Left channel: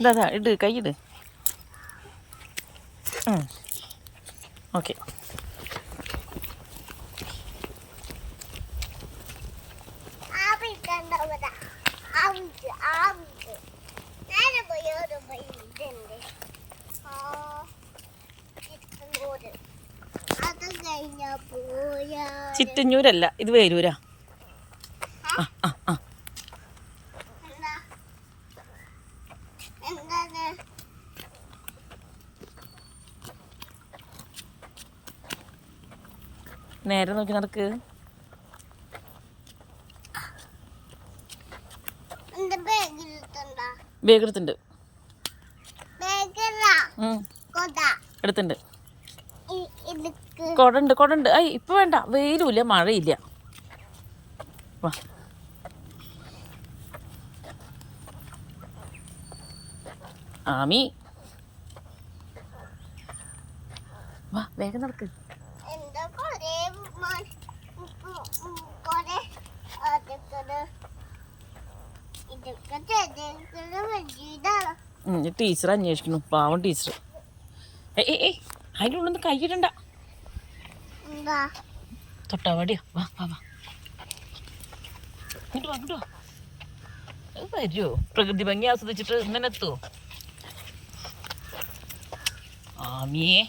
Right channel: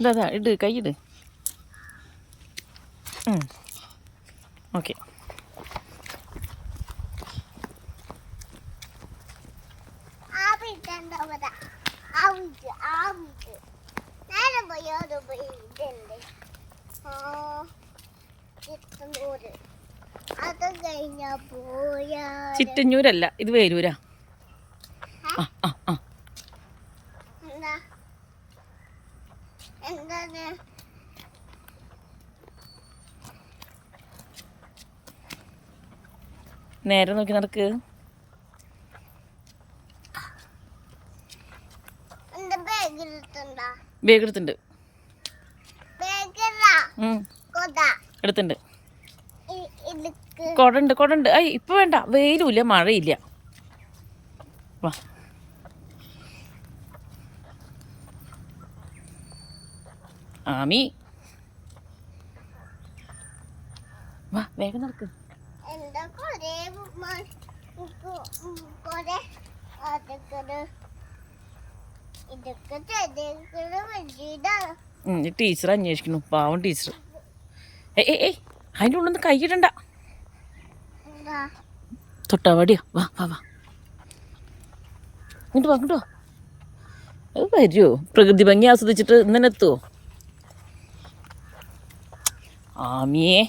ഇതാ ഇട്, കൈയിട്. ഓക്കെ. ചിറ്റഞ്ഞൂരല്ല, ഇത് വേരൂരാ. നേരെ നോക്കി നടക്ക്. ബാഗ് എടുത്തുണ്ട്. എടുത്തുണ്ട്. കൊടണ്ട്. ഐ ഇപ്പൊ വേണ്ട, വെയിലുമില്ല മഴയില്ല. വാ ആമി, വാ വേഗം നടക്ക്. ടീച്ചർ അന്വേഷിക്കുന്നു, പാവം ടീച്ചർ. ഏയ് അതിൻ്റെ ഉള്ളിൽ നിന്ന് കൈയിടണ്ട. തൊട്ടാവാടിയോ? വാ വാ വാ, ഇങ്ങോട്ട് വാ, ഇങ്ങോട്ടോ. അത് വരുമോ? പ്രകൃതി ഭംഗി ആസ്വദിച്ചിട്ട് ഇങ്ങനെ എത്തുമോ? ആമിയേ